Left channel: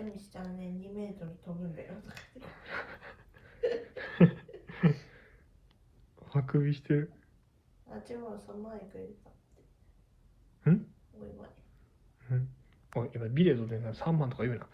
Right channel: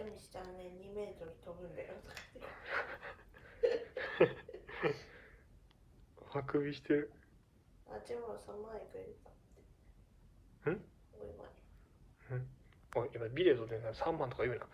ゃみしたらね、2メートル飛ぶんだよ。あくびしてる。あ、違う、その前くれた。ん？おいおい。おい、今ビデオで3万とか言うな。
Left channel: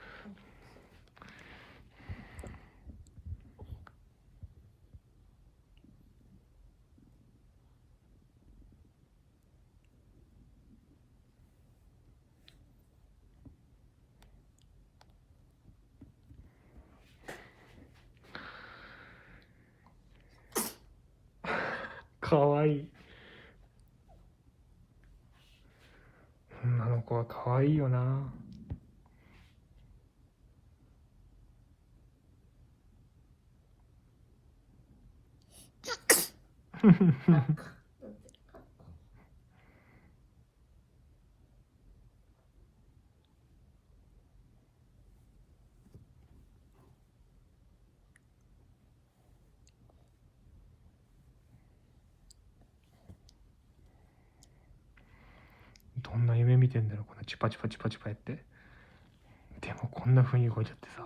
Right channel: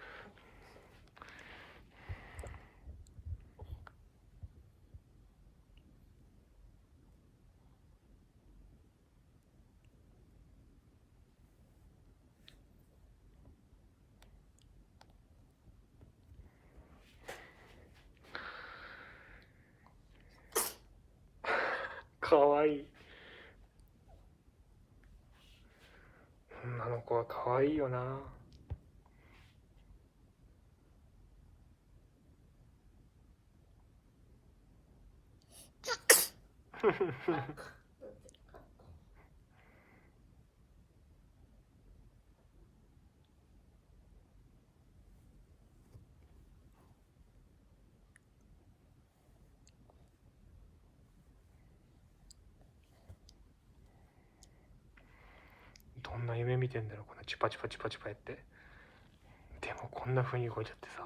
かわいい。女の子はかわいいよな。どんな夢見てんだろう、このチュパチュパチュパチュパやって。でもこんな風に動いちゃってさ。